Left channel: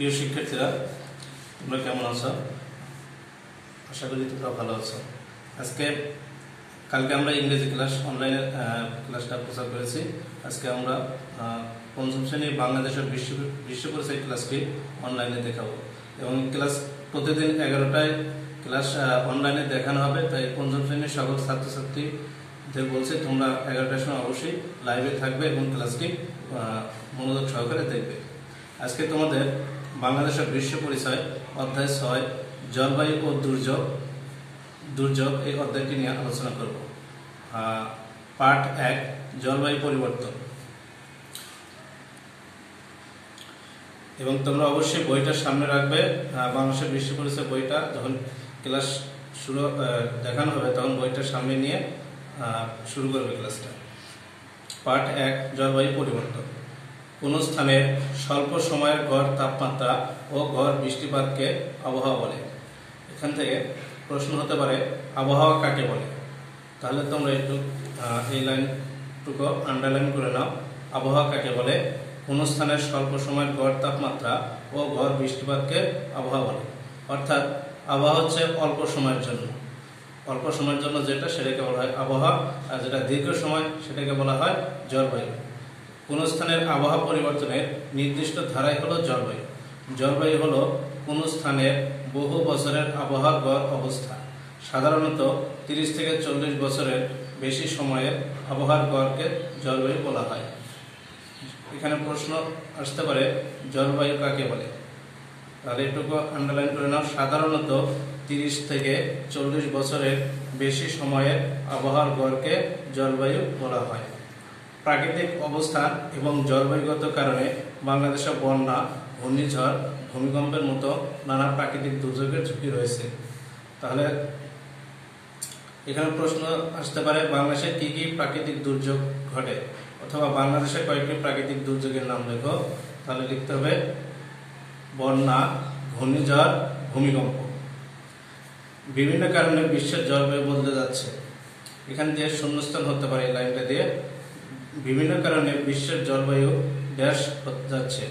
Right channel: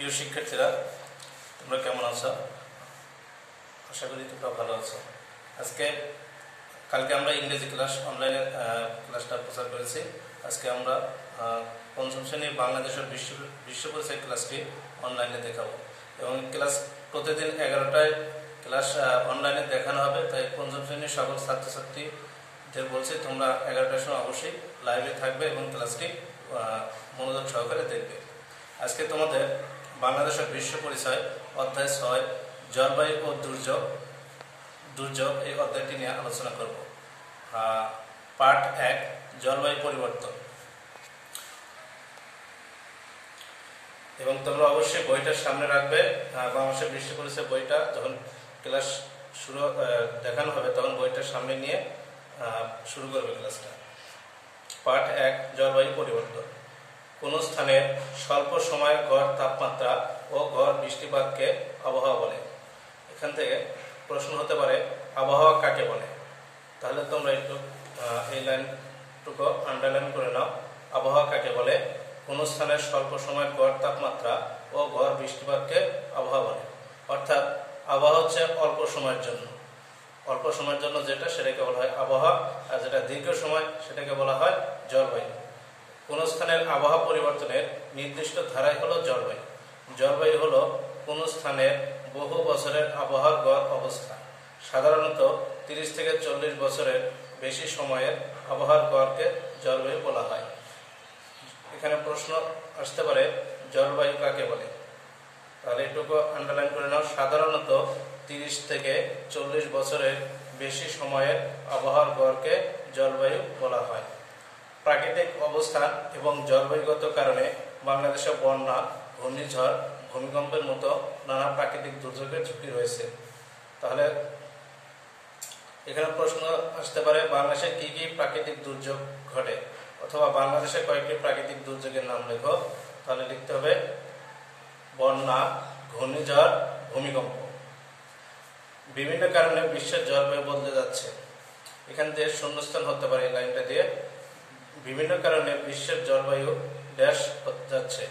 প্রিয় শিক্ষার্থীরা, তোমরা কেমন আছো? আশা করি তোমরা ভালো আছো। কালকে আমরা ইংরেজি ক্লাস অনলাইনে ক্লাসটা প্রচার করেছি। আজকে আমরা পঞ্চম শ্রেণীর বাংলাদেশের বিশ্ব পরিচয় ক্লাসটি অনলাইনে দেখাবো এবং ক্লাস প্রতিদিন 11টায় ক্লাস অনলাইনে দেখানো হবে। তাই পঞ্চম শ্রেণীর সকল ছাত্রছাত্রীদের বলছি, তোমরা 11টার সময় অবশ্যই লাইভে থাকবে এবং ক্লাসটি মনোযোগ সহকারে দেখবে। আজকে তোমাদের বাংলাদেশের বিশ্ব পরিচয় অধ্যায় 6 জলবায়ু ও দুর্যোগ এই অধ্যায়টি নিয়ে আলোচনা করব। পার্ট 1 জলবায়ু পরিবর্তন। এবং তোমরা অবশ্যই বইটা সামনে রাখবে। বাংলাদেশের বিশ্ব পরিচয় বইটা যখন ক্লাস শুরু দেখানো হবে তখন বইটা সামনে নিয়ে শুরু করবে ক্লাসটা। পার্ট 1 জলবায়ু পরিবর্তন। কোন স্থানে স্বল্প সময়ের গড় তাপমাত্রা ও গড় বৃষ্টিপাতকে আবহাওয়া বলে। এখান থেকে প্রশ্ন হতে পারে, আবহাওয়া কাকে বলে? তাহলে তোমরা একটু এই লাইনটুকু আন্ডারলাইন করে নাও। আবহাওয়া কাকে বলে? কোন স্থানের স্বল্প সময়ের গড় তাপমাত্রা ও গড় বৃষ্টিপাতকে আবহাওয়া বলে। অর্থাৎ আবহাওয়া হচ্ছে অল্প সময়ের জন্য যেটা, সেটাকে বলা হয় আবহাওয়া, আর যেটা দীর্ঘ সময় সেটাকে বলা হয় জলবায়ু। কোন স্থানের আবহাওয়া পরিবর্তনের নির্দিষ্ট ধারাই হলো জলবায়ু। জলবায়ু হলো কোন স্থানের বহু বছরের আবহাওয়ার গড় অবস্থা। সাধারণত 30 থেকে 40 বছরের বেশি সময়ের আবহাওয়ার গড়কে জলবায়ু বলা হয়। এখানে প্রশ্ন আসতে পারে, জলবায়ু কাকে বলে? তাহলে এটুকু আন্ডারলাইন করে নাও। সাধারণত 30 থেকে 40 বছরের বেশি সময়ের আবহাওয়ার গড়কে জলবায়ু বলা হয়। প্রাকৃতিক অবস্থান এবং জলবায়ুগত কারণে বাংলাদেশে বন্যা, ঘূর্ণিঝড়, ভূমিকম্পের মতো নানা প্রাকৃতিক দুর্যোগের ঝুঁকি রয়েছে। তাহলে এখানে প্রশ্ন আসতে পারে, বাংলাদেশে কি কি প্রাকৃতিক দুর্যোগ ঘটে, অথবা বাংলাদেশে কয়েকটি প্রাকৃতিক দুর্যোগের নাম লেখো। তাহলে লিখতে হবে বন্যা, ঘূর্ণিঝড়, ভূমিকম্প। বিভিন্ন কারণে বিশ্বের জলবায়ু বদলে যাচ্ছে। এখান দিয়ে শূন্যস্থান হতে পারে এই লাইনটা দিয়ে। বিভিন্ন কারণে বিশ্বের জলবায়ু ড্যাশ হতে যাচ্ছে,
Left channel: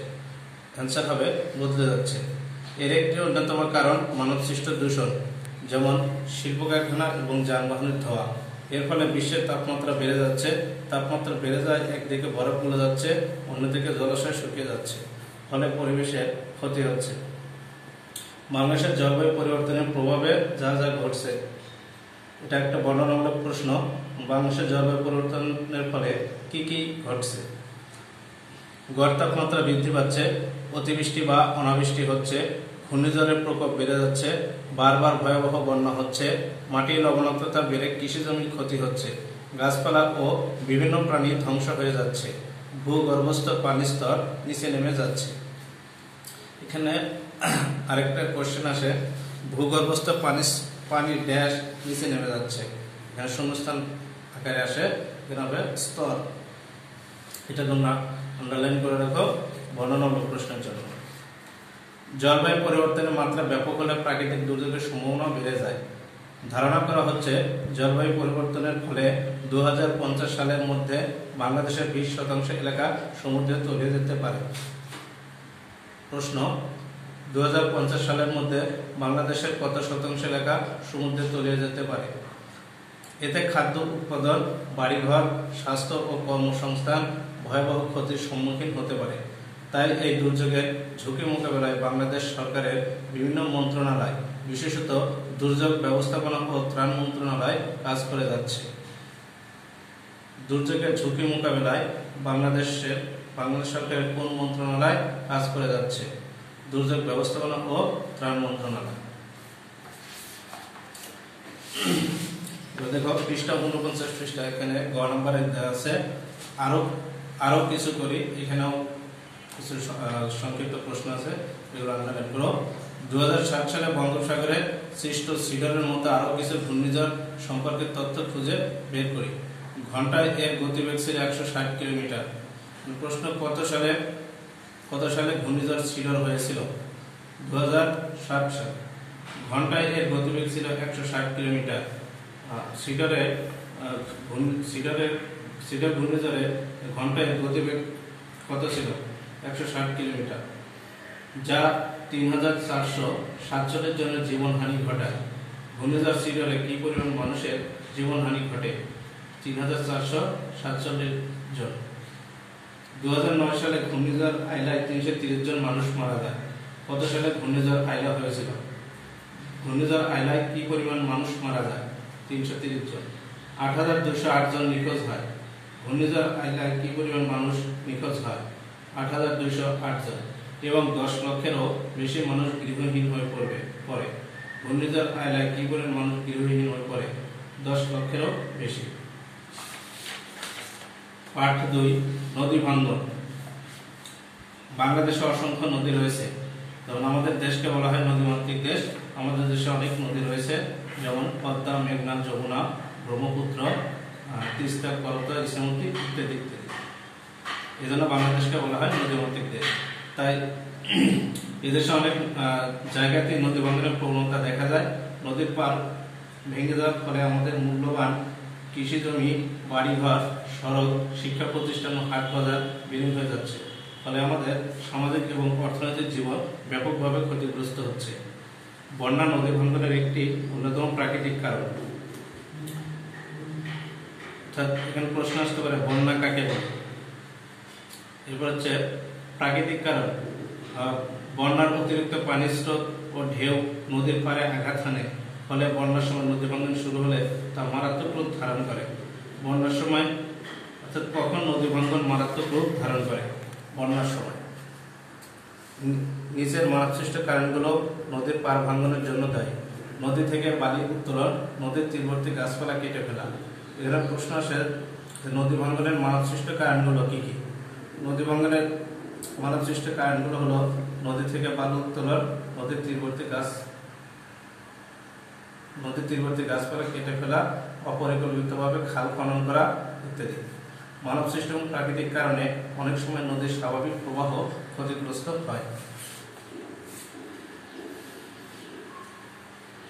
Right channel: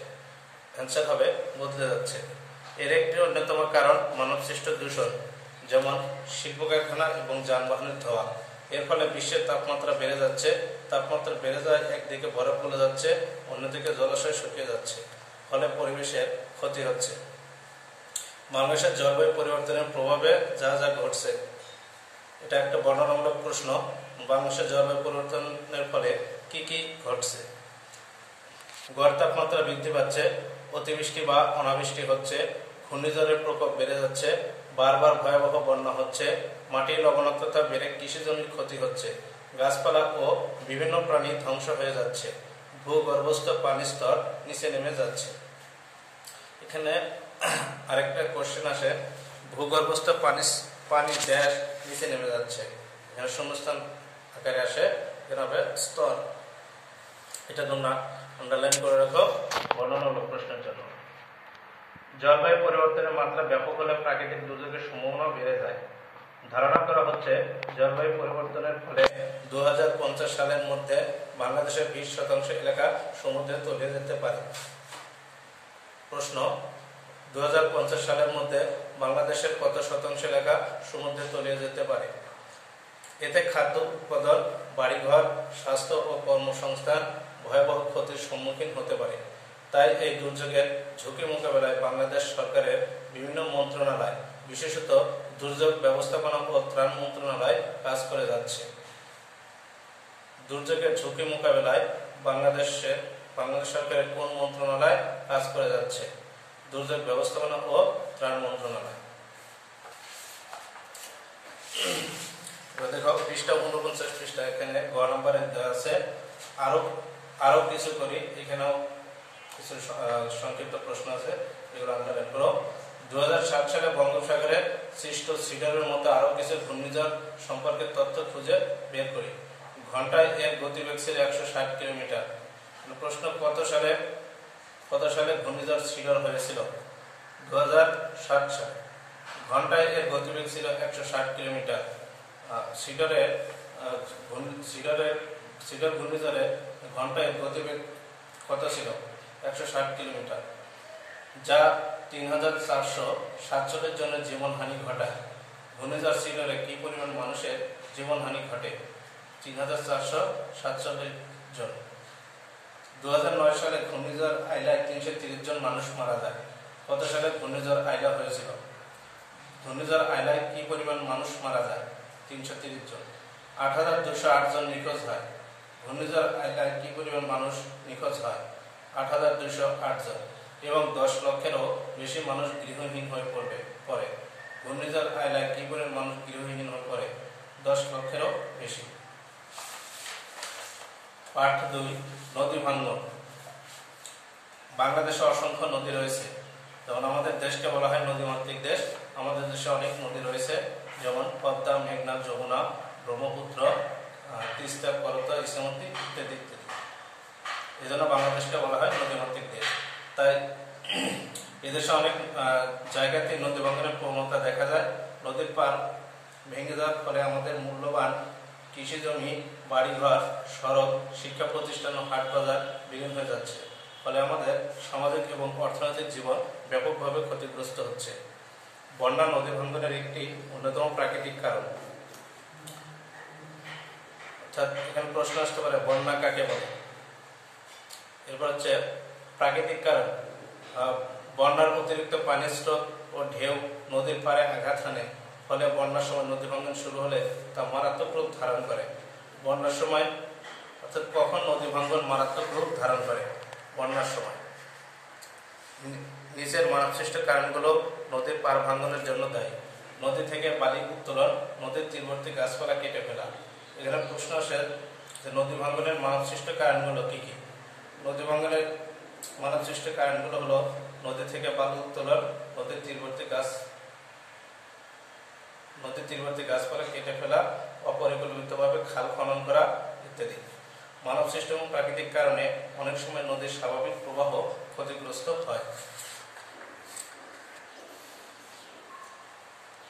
অ্যান্সার হবে বদলে যাচ্ছে। এর একটি অন্যতম কারণ মানবসৃষ্ট দূষণ, যেমন শিল্প কারখানা এবং যানবাহনের ধোঁয়া। এর ফলে বিশ্বের তাপমাত্রা বেড়ে যাচ্ছে। তাপমাত্রা বেড়ে যায়, একদিকে বরফ গলে যাচ্ছে, অন্যদিকে জলাশয় শুকিয়ে যাচ্ছে, ফলে পরিবেশের ক্ষতি হচ্ছে। বাংলাদেশের জলবায়ু পরিবর্তনের প্রভাবে যা যা ঘটছে, এটা একটা বর্ণনামূলক প্রশ্ন। বাংলাদেশের জলবায়ু পরিবর্তনের ফলে কি কি ঘটছে? গড় তাপমাত্রা বৃদ্ধি পাচ্ছে, অতিবৃষ্টি বা অনাবৃষ্টি হচ্ছে, ঘূর্ণিঝড়ের প্রকোপ বেড়ে যাচ্ছে, বারবার ভয়াবহ বন্যা হচ্ছে, মাটির লবণাক্ততা বেড়ে কৃষি জমির ক্ষতি হচ্ছে, গাছপালা ও বিভিন্ন প্রাণী ধ্বংস হয়ে যাচ্ছে, ভূগর্ভস্থ পানির স্তর নিচে নেমে যাচ্ছে। এখানে আরেকটা কোশ্চেন আসে, ভূগর্ভস্থ পানি ড্যাশ নিচে নেমে যাচ্ছে। এখানে শূন্যস্থান আকারে আসে, এখানে হবে স্তর। এটা তোমরা আন্ডারলাইন করে রাখো বর্ণনামূলক প্রশ্নের জন্য। জলবায়ু পরিবর্তনের মাত্রা ব্যাপক হলে প্রাকৃতিক দুর্যোগের সম্ভাবনা বেড়ে যায়। ধারণা করা হচ্ছে জলবায়ু পরিবর্তনের ফলে 2050 সালের মধ্যে বাংলাদেশের 20% এলাকা সমুদ্রে তলিয়ে যেতে পারে। প্রশ্ন, 2050 সালের মধ্যে বাংলাদেশের কত শতাংশ এলাকা সমুদ্রে তলিয়ে যেতে পারে? এতে খাদ্য উৎপাদন, বাড়িঘর, স্বাস্থ্য ও কর্মসংস্থান ভয়াবহ ক্ষতির সম্মুখীন হতে পারে। তাই এই দুর্যোগের ঝুঁকি মোকাবেলায় বাংলাদেশ সরকারের বিভিন্ন মন্ত্রণালয়, বিশেষত দুর্যোগ ব্যবস্থাপনা ও ত্রাণ মন্ত্রণালয় কাজ করে যাচ্ছে। দুর্যোগের ঝুঁকি মোকাবেলায় বাংলাদেশ সরকারের কোন মন্ত্রণালয় কাজ করে যাচ্ছে? দুর্যোগ ব্যবস্থাপনা ও ত্রাণ মন্ত্রণালয়। দেখো পৃষ্ঠা 49 পৃষ্ঠা, এখানে গ নাম্বারে দেওয়া আছে। আরো কিছু করি, এখানেও কিছু সংক্ষিপ্ত প্রশ্ন আছে, এগুলো আন্ডারলাইন করো। 2007 সালে বঙ্গোপসাগরে সৃষ্ট সিডরের মতো আরো কিছু ঘূর্ণিঝড় সম্পর্কে তথ্য খুঁজে বের করি। ঘন্টায় এর গতিবেগ ছিল 160 কিলোমিটার। প্রশ্ন, কত সালে ঘূর্ণিঝড় সিডর হয়েছিল? 2007 সালে। ঘন্টায় এর গতিবেগ ছিল 160 কিলোমিটার। সিডর ঘূর্ণিঝড়ে ঘন্টায় গতিবেগ কত ছিল? 160 কিলোমিটার। যা ৩,৪৪৭ জনের জীবনহানি ঘটায়। ঘূর্ণিঝড় সিডরে কি পরিমাণ মানুষের জীবনহানি ঘটে? ৩,৪৪৭ জন। ২০০৯ সালে ঘূর্ণিঝড় আইলায় ৩৩০ জন মানুষ মারা যায়। কত সালে ঘূর্ণিঝড় আইলা হয়েছিল? ঘূর্ণিঝড় আইলায় কি পরিমাণ মানুষ মারা যায়? ৩৩০ জন। ৮,২০৮ জন নিখোঁজ হয়। ঘূর্ণিঝড় আইলায় কি পরিমাণ মানুষ নিখোঁজ হয়? ৮,২০৮ জন। এবং ১০ লক্ষেরও বেশি মানুষ গৃহহীন হয়ে পড়ে। ঘূর্ণিঝড় আইলায় কি পরিমাণ মানুষ গৃহহীন হয়ে পড়ে? ১০ লক্ষেরও বেশি। পাঠ ২, নদী ভাঙ্গন। বাংলাদেশে অসংখ্য নদী রয়েছে। যেমন আমাদের দেশকে বলা হয় নদীমাতৃক দেশ। আমাদের দেশে অনেক নদী রয়েছে, যেমন পদ্মা, মেঘনা, যমুনা, ব্রহ্মপুত্র, তিস্তা, করতোয়া, ইছামতি ইত্যাদি ইত্যাদি। এই জন্য বাংলাদেশকে বলা হয় নদীমাতৃক দেশ। তাই এদেশে অনেক জায়গাতে নদী ভাঙ্গনের প্রবণতা দেখা যায়। নদীর পার ভেঙে যাওয়ার ফলে আমাদের মূল্যবান কৃষি জমি, বাড়িঘর, সড়ক, শিক্ষা প্রতিষ্ঠান ও হাট বাজার বিলীন হয়ে যাচ্ছে। ফলে আমাদের সামাজিক এবং অর্থনৈতিক জীবন ব্যাপকভাবে ক্ষতিগ্রস্ত হচ্ছে। বন্যা নদী ভাঙ্গনের একটি অন্যতম প্রাকৃতিক কারণ। অর্থাৎ এখানে প্রশ্ন আসতে পারে বন্যা কাকে বলে। এরপর হচ্ছে প্রাকৃতিক কারণ। বন্যার অতিরিক্ত পানির স্রোত ও ঢেউ নদীর পাড়ে আঘাত হানে। ফলে বন্যার সময় নদী ভাঙ্গন শুরু হলে তা মারাত্মক রূপ ধারণ করে। বন্যার সময় অর্থাৎ কখন নদী ভাঙ্গন মারাত্মক রূপ ধারণ করে? বন্যার সময়। নিচের মানবসৃষ্ট কারণগুলো নদীর পাড় ভাঙ্গনের জন্য দায়ী। নদী থেকে বালি উত্তোলন, নদীর তীরবর্তী গাছপালা কেটে ফেলা। এখানে প্রশ্ন আসে যে নদী ভাঙ্গনের মানবসৃষ্ট কারণগুলো কি কি? নদী ভাঙ্গনের মানবসৃষ্ট কারণগুলো হলো নদী থেকে বালি উত্তোলন, নদীর তীরবর্তী গাছপালা কেটে ফেলা, অপরিকল্পিতভাবে খাল খনন করা ইত্যাদি। মানবসৃষ্ট এবং প্রাকৃতিক কারণে অনেক সময় নদীর স্বাভাবিক প্রবাহ ক্ষতিগ্রস্ত হয়।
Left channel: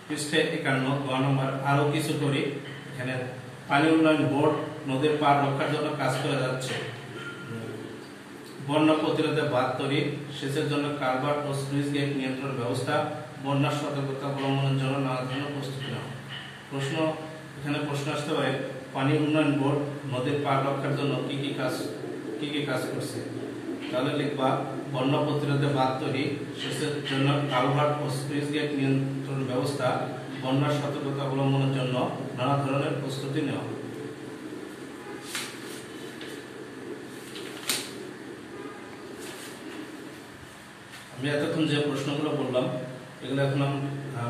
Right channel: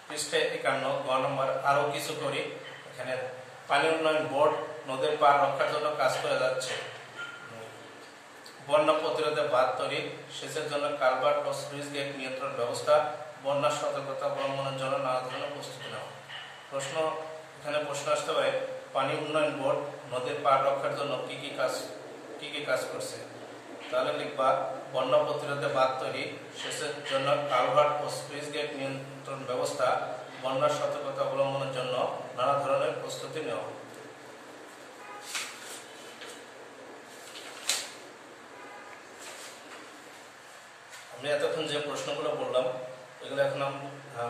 পৃষ্ঠে ৫১ নম্বর আরো কিছু করি। এখানে পানি উন্নয়ন বোর্ড নদীর পার রক্ষার জন্য কাজ করে যাচ্ছে। বন্যা প্রতিরোধে বাঁধ তৈরি, সেচের জন্য কালভার্ট ও স্লুইস গেট নিয়ন্ত্রণ ব্যবস্থা, বন্যার সতর্কতা অবলম্বনের জন্য নানা ধরনের প্রস্তুতি নেওয়া। এখানে প্রশ্ন আসতে পারে পানি উন্নয়ন বোর্ড নদীর পার রক্ষার জন্য কি কি কাজ করছে? তাহলে লিখবা বন্যা প্রতিরোধে বাঁধ তৈরি, সেচের জন্য কালভার্ট ও স্লুইস গেট নিয়ন্ত্রণ ব্যবস্থা, বন্যার সতর্কতা অবলম্বনের জন্য নানা ধরনের প্রস্তুতি নেওয়া। আমি এতক্ষণ যে প্রশ্নগুলো বললাম এগুলো এখন আমি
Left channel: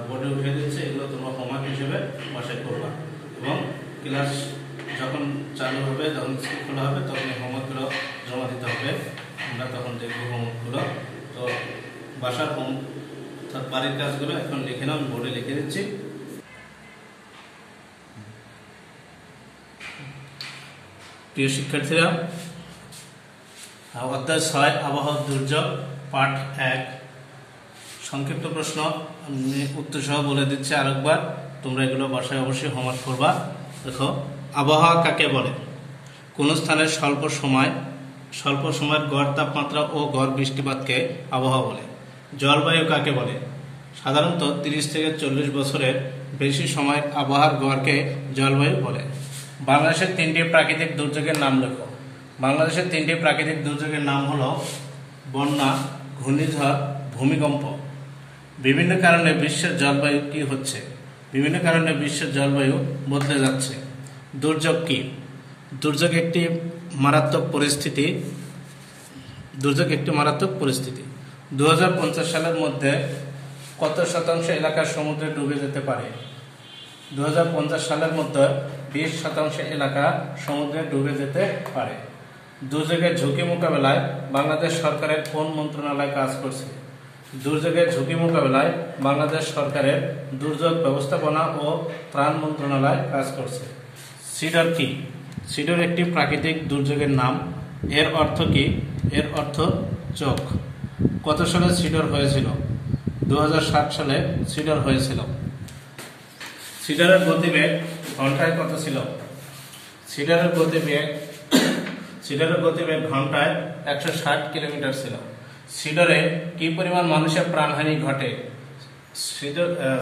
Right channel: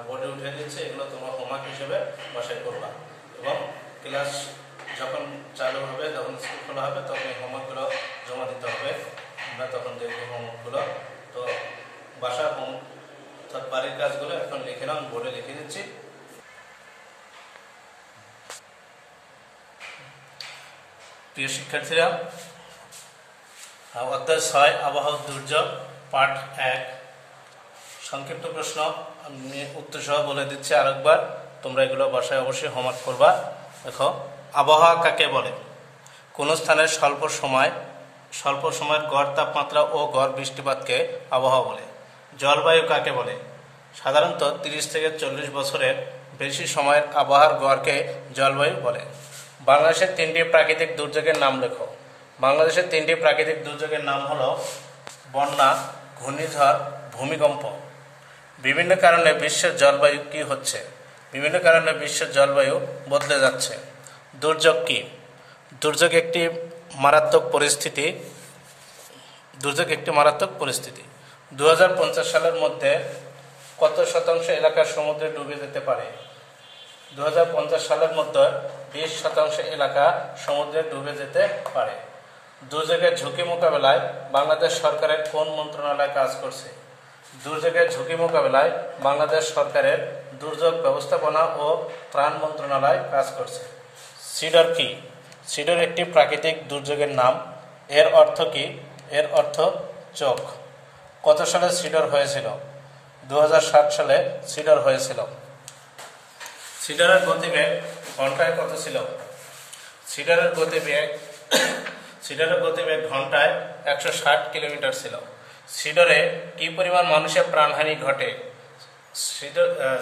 বোর্ডে উঠে দিচ্ছি। এগুলো তোমরা হোমওয়ার্ক হিসেবে বাসায় করবা এবং ক্লাস যখন চালু হবে, যখন স্কুল খোলা হবে, তখন হোমওয়ার্কগুলো জমা দিতে হবে। আমরা তখন দেখবো হোমওয়ার্কগুলো। তো বাসার অর্থাৎ বাড়ির কাজগুলো এখন লিখে নাও, আমি বোর্ডে লিখে দিচ্ছি। প্রিয় শিক্ষার্থীরা, অধ্যায় ৬ আবহাওয়া দুর্যোগ, পাঠ ১। সংক্ষিপ্ত প্রশ্ন উত্তর সহ বলে দিচ্ছি আরেকবার, তোমরা এগুলো বাসায় অবশ্যই হোমওয়ার্ক করবা। দেখো, আবহাওয়া কাকে বলে? কোন স্থানের স্বল্প সময়ের গড় তাপমাত্রা ও গড় বৃষ্টিপাতকে আবহাওয়া বলে। জলবায়ু কাকে বলে? সাধারণত ৩০ থেকে ৪০ বছরের বেশি সময়ের আবহাওয়ার গড়কে জলবায়ু বলে। বাংলাদেশের ৩টি প্রাকৃতিক দুর্যোগের নাম লেখো। বাংলাদেশের 3টি প্রাকৃতিক দুর্যোগের নাম হলো বন্যা, ঘূর্ণিঝড়, ভূমিকম্প। বিভিন্ন কারণে বিশ্বের জলবায়ু কি হচ্ছে? বিভিন্ন কারণে বিশ্বের জলবায়ু বদলে যাচ্ছে। দুর্যোগ কি? দুর্যোগ একটি মারাত্মক পরিস্থিতি। 2050 সালের মধ্যে কত শতাংশ এলাকা সমুদ্রে ডুবে যেতে পারে? 2050 সালের মধ্যে 20% এলাকা সমুদ্রে ডুবে যেতে পারে। দুর্যোগের ঝুঁকি মোকাবেলায় বাংলাদেশ সরকারের কোন মন্ত্রণালয় কাজ করছে? দুর্যোগের ঝুঁকি মোকাবেলায় বাংলাদেশ সরকারের দুর্যোগ ব্যবস্থাপনা ও ত্রাণ মন্ত্রণালয় কাজ করছে। সিডর কি? সিডর একটি প্রাকৃতিক দুর্যোগের নাম। এর অর্থ কি? এর অর্থ চোখ। কত সালে সিডর হয়েছিল? 2007 সালে সিডর হয়েছিল। সিডরের গতিবেগ ঘন্টায় কত ছিল? সিডরের গতিবেগ ঘন্টায় 160 কিলোমিটার ছিল। সিডরে কি পরিমাণ মানুষের প্রাণহানি ঘটে?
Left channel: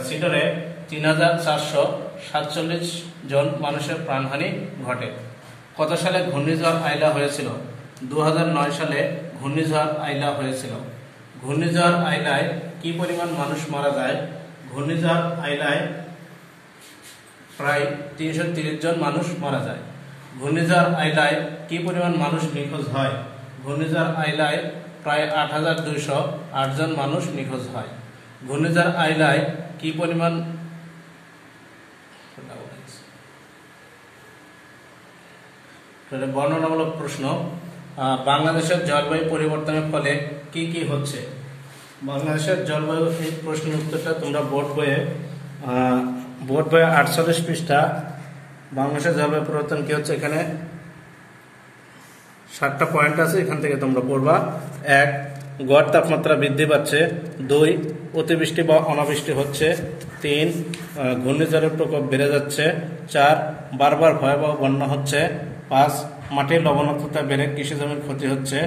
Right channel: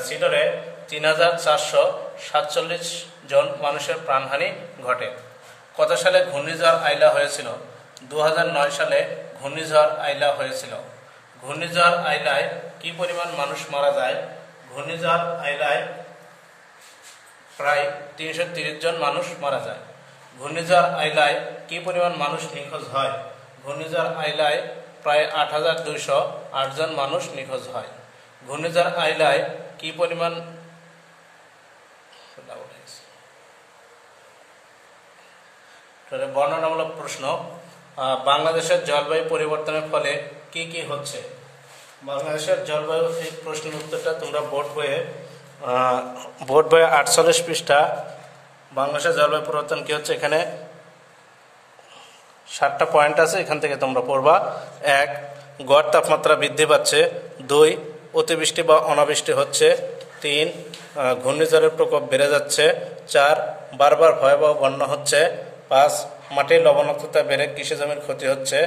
সিডরে ৩,৪৪৭ জন মানুষের প্রাণহানি ঘটে। কত সালে ঘূর্ণিঝড় আইলা হয়েছিল? ২০০৯ সালে ঘূর্ণিঝড় আইলা হয়েছিল। ঘূর্ণিঝড় আইলায় কি পরিমাণ মানুষ মারা যায়? ঘূর্ণিঝড় আইলায় প্রায় ৩৩০ জন মানুষ মারা যায়। ঘূর্ণিঝড় আইলায় কি পরিমাণ মানুষ নিখোঁজ হয়? ঘূর্ণিঝড় আইলায় প্রায় ৮,২০৮ জন মানুষ নিখোঁজ হয়। ঘূর্ণিঝড় আইলায় কি পরিমাণ বর্ণনামূলক প্রশ্ন, বাংলাদেশের জলবায়ু পরিবর্তনের ফলে কি কি হচ্ছে? বাংলাদেশের জলবায়ু, এই প্রশ্নের উত্তরটা তোমরা বোর্ড বইয়ে 48 পৃষ্ঠা বাংলাদেশের জলবায়ু পরিবর্তন কি হচ্ছে, এখানে 7টা পয়েন্ট আছে, এখান থেকে তোমরা পড়বা। 1, গড় তাপমাত্রা বৃদ্ধি পাচ্ছে। 2, অতিবৃষ্টি বা অনাবৃষ্টি হচ্ছে। 3, ঘূর্ণিঝড়ের প্রকোপ বেড়ে যাচ্ছে। 4, বারবার ভয়াবহ বন্যা হচ্ছে। 5, মাটির লবণাক্ততা বেড়ে কৃষি জমির ক্ষতি হচ্ছে।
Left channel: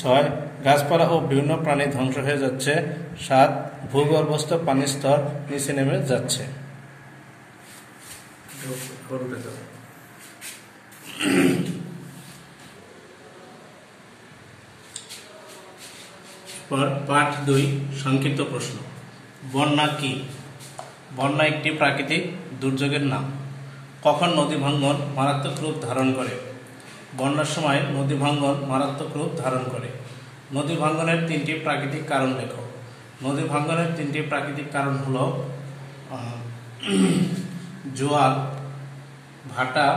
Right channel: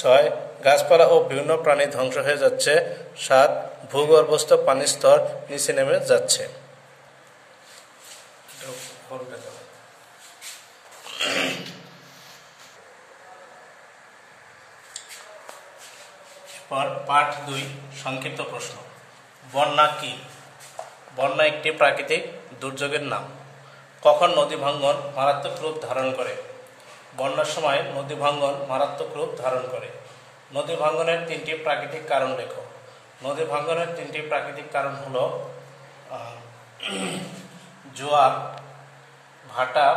6, গাছপালা ও বিভিন্ন প্রাণী ধ্বংস হয়ে যাচ্ছে। 7, ভূগর্ভস্থ পানির স্তর নিচে নেমে যাচ্ছে। পাঠ 2, সংক্ষিপ্ত প্রশ্ন। বন্যা কি? বন্যা একটি প্রাকৃতিক দুর্যোগের নাম। কখন নদী ভাঙ্গন মারাত্মক রূপ ধারণ করে? বন্যার সময় নদী ভাঙ্গন মারাত্মক রূপ ধারণ করে। নদী ভাঙ্গনের 3টি প্রাকৃতিক কারণ লেখো। নদী ভাঙ্গনের 3টি প্রাকৃতিক কারণ হলো জোয়ার, ভাটা,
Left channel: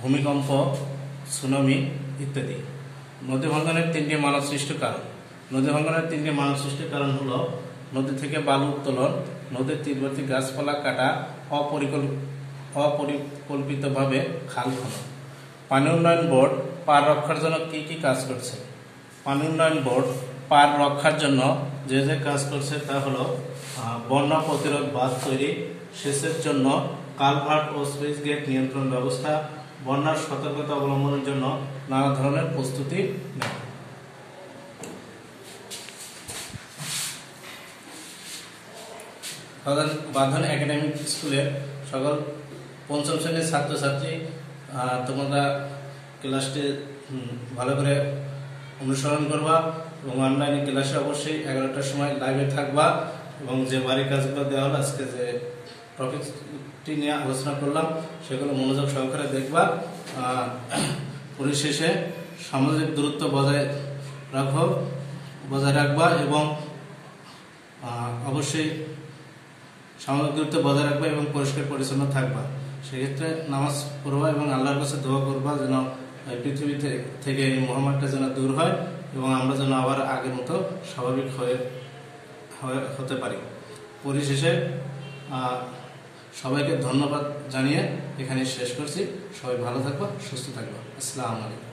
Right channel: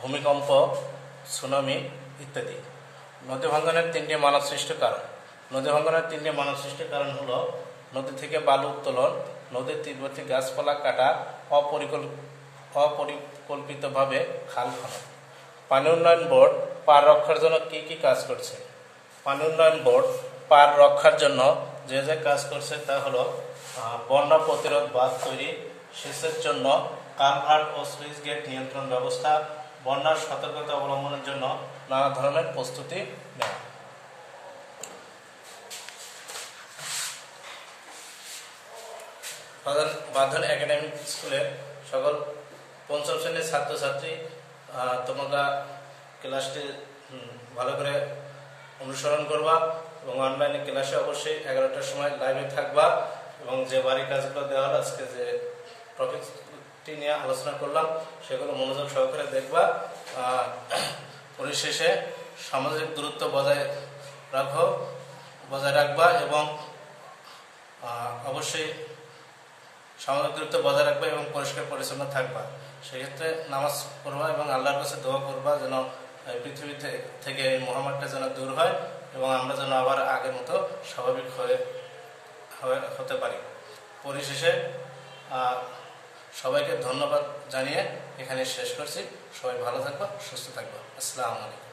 ভূমিকম্প, সুনামি ইত্যাদি। নদী ভাঙ্গনের 3টি মানব সৃষ্ট কারণ। নদী ভাঙ্গনের 3টি মানব সৃষ্ট কারণ হলো নদী থেকে বালু উত্তোলন, নদীর তীরবর্তী গাছপালা কাটা, অপরিকল্পিতভাবে খাল খনন। পানি উন্নয়ন বোর্ড পার রক্ষার জন্য কি কি কাজ করছে? পানি উন্নয়ন বোর্ড পার রক্ষার জন্য যে যে কাজ করছে তা হলো বন্যা প্রতিরোধ বাঁধ তৈরি, সেচের জন্য কালভার্ট ও সুইচ গেট নিয়ন্ত্রণ ব্যবস্থা, বন্যার সতর্কতা অবলম্বনের জন্য নানা ধরনের প্রস্তুতি নেয়। বাঁধন একাডেমিক স্কুলে সকল 5ম শ্রেণীর ছাত্রছাত্রী, তোমরা ক্লাসটি ভালো করে অনুসরণ করবা এবং অনলাইনে ক্লাসে অবশ্যই 11টার সময় লাইভে থাকবা এবং যে বাড়ির কাজগুলো দেওয়া হলো, আজকে যে টপিকটি নিয়ে আলোচনা করলাম সেগুলো মনোযোগ সহকারে দেখবা। পরিশেষে সামাজিক দূরত্ব বজায় রাখবা এবং অবশ্যই সামাজিক দূরত্ব বজায় রাখবা এবং পরিষ্কার পরিচ্ছন্ন থাকবা। সেক্ষেত্রে নামাজ পড়বা এবং আল্লাহর কাছে দোয়া করবা যেন পৃথিবী থেকে এই মহামারীটা যেন দূর হয় এবং আমরা যেন আবার আগের মতো স্বাভাবিক হতে পারি। পরিশেষে সবাইকে ধন্যবাদ জানিয়ে এখানে শেষ করছি। সবাই ভালো থাকবা, সুস্থ থাকবা। আসসালামু আলাইকুম।